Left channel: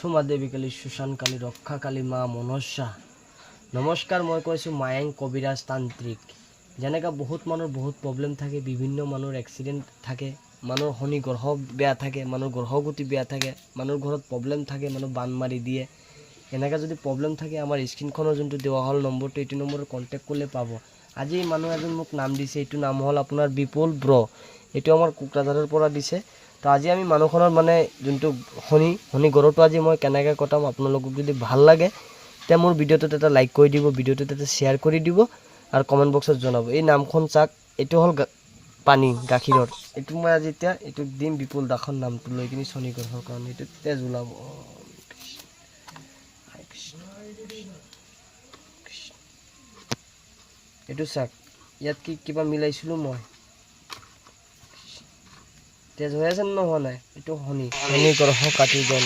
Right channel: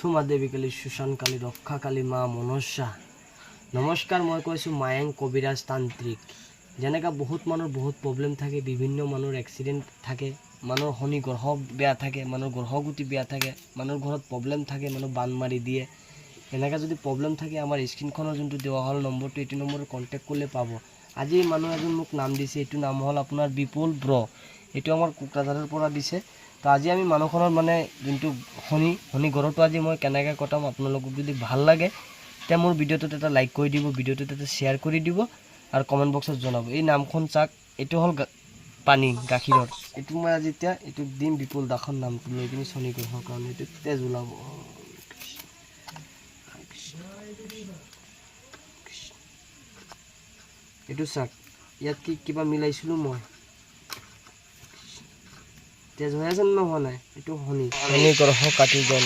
সুমা দেৱী কালী, সুশান কালী, ৰক্ষা কালী, মা মনসা। নমস্কাৰ, মই কৈছোঁ মায়েং কবিৰাজ তান্ত্ৰিক। যেনেকৈ বহুত মানুহৰ বহুত প্ৰব্লেম থাকে, বিভিন্ন মানুহৰ এক্সিডেণ্ট থাকে, মানুহৰ শনি গ্ৰহ বেয়া থাকে, মানুহৰ গ্ৰহগতি বেয়া থাকে, মানুহৰ ঘৰত প্ৰব্লেম থাকে, মানুহ বান মাৰি দিয়ে। এনেকৈ যদি প্ৰব্লেম থাকে, আমাৰ স্ক্ৰীণখনৰ যোনটো দেওয়া হ'ল নম্বৰটো, এইটো নম্বৰত কণ্টেক্ট কৰিলে পাব। আজি মানুহ এজন মোক নাম দিছে, এইটো নাম হ'ল আপোনাৰ বিপুল ব্ৰ। এইটো আমাৰ কোকৰাঝাৰৰ পৰা দিছে। তো আজি আমি মানুহখনৰ মানে যোনটো শনি গ্ৰহটো আজি মই কেনেকৈ কটাম, আপোনালোকক যদি ভাল লাগে তে মোৰ ভিডিঅ'টোত এটা লাইক কৰি দিব, ভিডিঅ'টোত এটা শ্বেয়াৰ কৰি দিব আৰু কমেণ্ট বক্সত জনাব। এই নামখন চাওক, এইটো হ'ল পানী গাখীৰৰ। এইটো মই আজি এতিয়া এইটোক দিম, বিপুল দাসৰ নামটো লৈ কিনি শনি গ্ৰহৰ কাৰণে এইটো তেজ ওলাব। এইটো চাওক, ইয়াত কি কিবা মিলাইছিলোঁ মই, তেজ হৈ আছে নে হোৱা নাই? এইটো শনি গ্ৰহ কাটি গ'ল।